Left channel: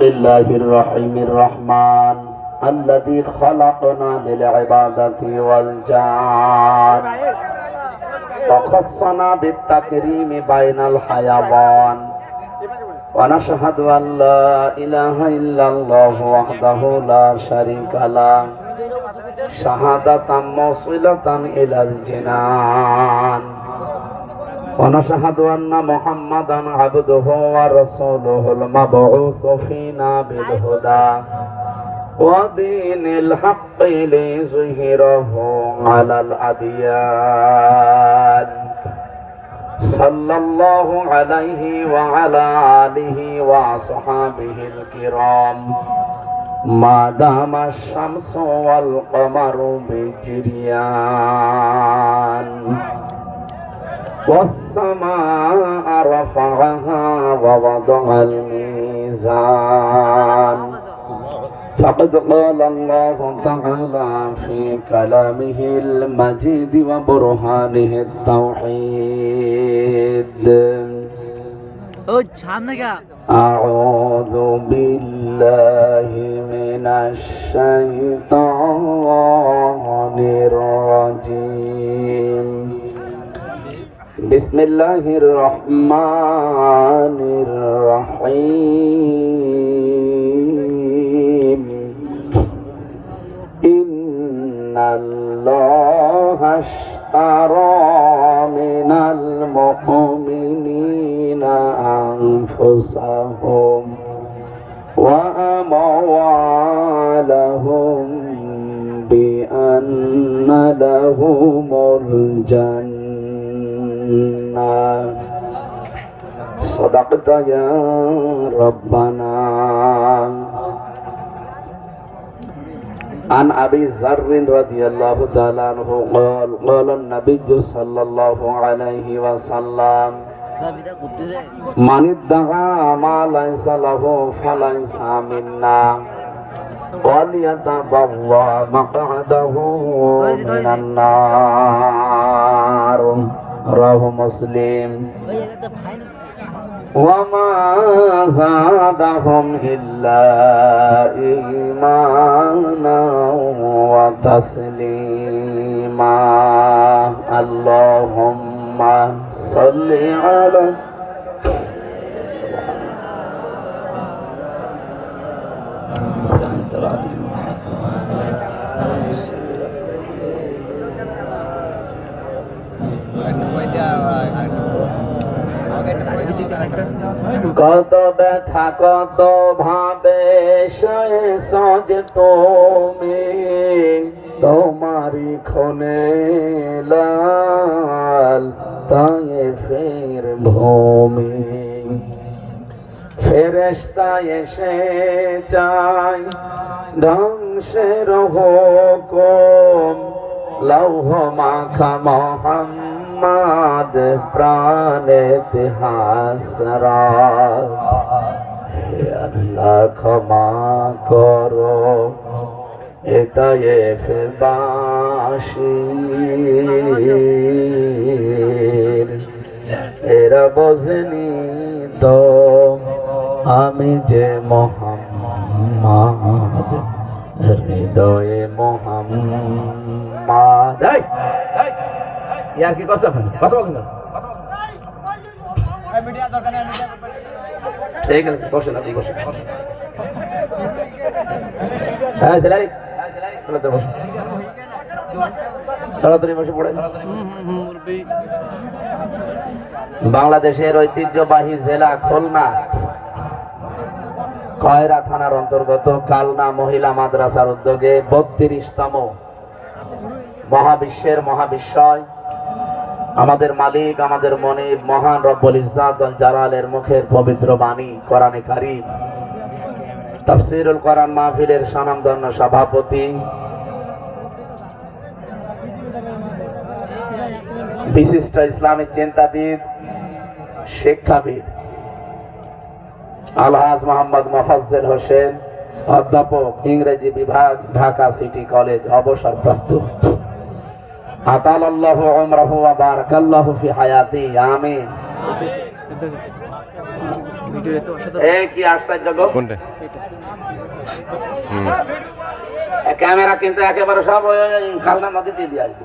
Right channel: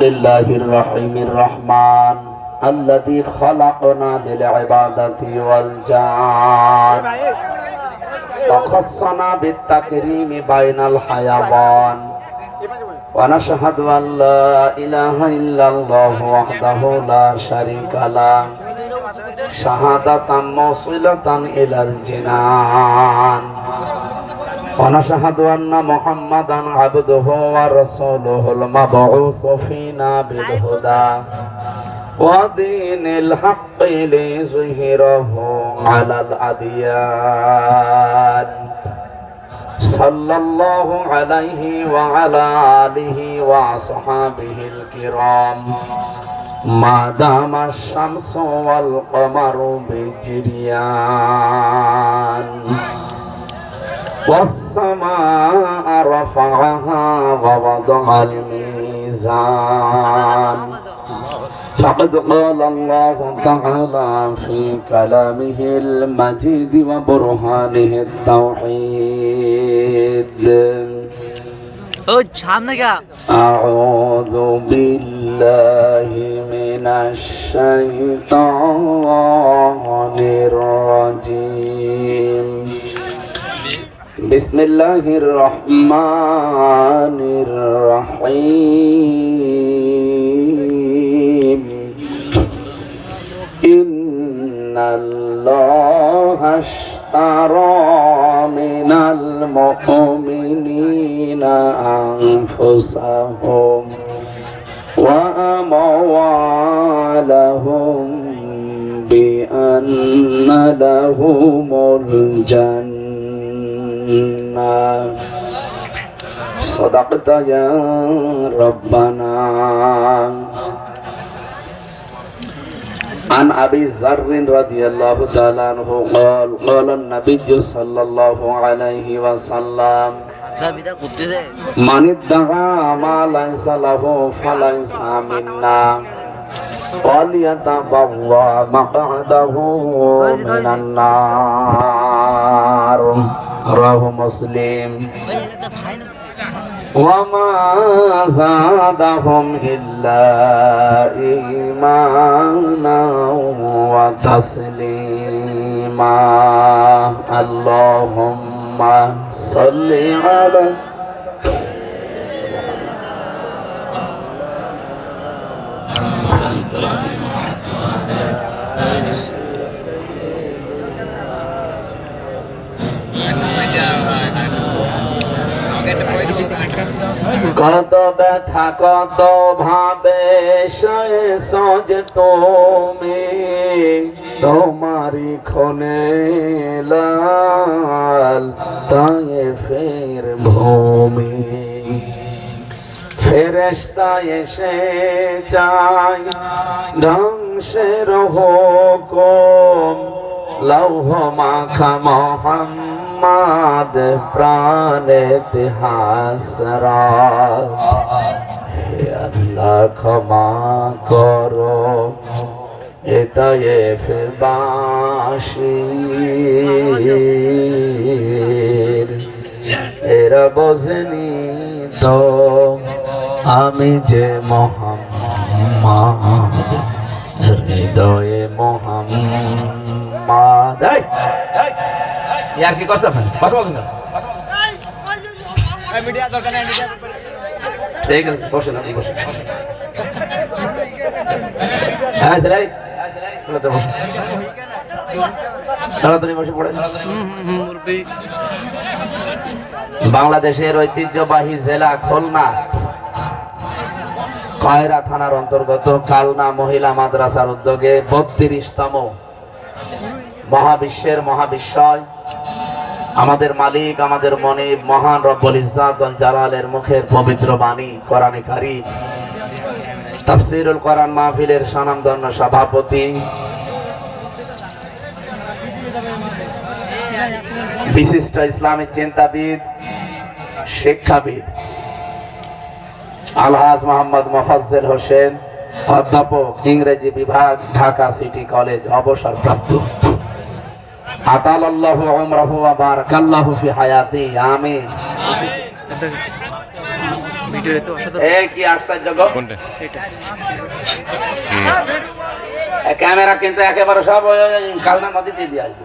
الله الرحيم الرحمن الذي خلقنا للعبادة والجان وخصنا بالتكريم بين الحيوان ونشهد أن لا إله إلا الله وحده لا شريك له شهادة موصلة إلى الجنان ونشهد أن محمدا عبده ورسوله المبعوث فينا بالهدى ودين الحق ليظهره على الأديان صلى الله عليه وعلى آله وأصحابه الكرام ما دام الشمس والقمر بجريان والسماء رفعها ووضع الميزان فقد قال الله تعالى في كلامه المجيد وبرهانه التوحيد أعوذ بالله من الشيطان الرجيم بسم الله الرحمن الرحيم إن الله اشترى من المؤمنين أنفسهم وأموالهم بأن لهم الجنة صدقت يا ربنا. عن أبي ذر رضي الله تعالى عنه قال قال النبي صلى الله عليه وسلم من ادعى ما ليس له فليس منا وليتبوأ مقعده من النار رواه مسلم. وما زادهم إلا إيمانا وتسليما. اللهم صل على কত ব্যথা কত ভাবে সজে তুমি তোমারি ক্ষণে লাল তায়েফের ভূমি ফেরেশতা এসে যায় ধ্বংসের হুকুম লৌহ মাখা মোহাম্মদ প্রাণেতে হাসরাত হে আল্লাহ ক্ষমা করো এ তায়েফ বাসী এরা বোঝেনি তো আমি যে মোহাম্মদ হৃদয়ে মোহাম্মদ यार की कष्ट है बस बस ना मीडिया दरकार नहीं मीडिया ठीक है क्वेश्चन है क्वेश्चन हां सलाई चलो चलो তাড়াতাড়ি বসে পড়ে। বাংলাদেশের ঐতিহ্যবাহী জেলা খুলনা কয়রা থানার অন্তর্গত কালনা মহিলা মাদ্রাসার উদ্যোগে 32তম মহাবিশ্বের মহাবিশ্বয় আমাদের মালিক আমাদের মনিব মহান রব্বুল ইজ্জাত ওয়াল জালালের মুখের পবিত্র বাণী কোরআনে কারীম তাফসীরুল কোরআন মাহফিলের স্বনামধন্য সভাপতি বিশিষ্ট ইসলামী চিন্তাবিদ শিক্ষাবিদ আলহাজ মোহাম্মদ মোফাজ্জল হোসেন অধ্যাপক ইংরেজি বিভাগ ঢাকা সিটি কলেজ অবসরপ্রাপ্ত আতালাল্লাহু উমরাহু ওয়া বারাকাল্লাহু ফি হায়াতি আমিন। ভিডিওতে তো অসাধারণ। এই কি আশ্চর্য গো। কোনটা? এটা ক্যামেরা কিন্তু একেবারে সব কালনা নদীতে দিয়ে আসবে।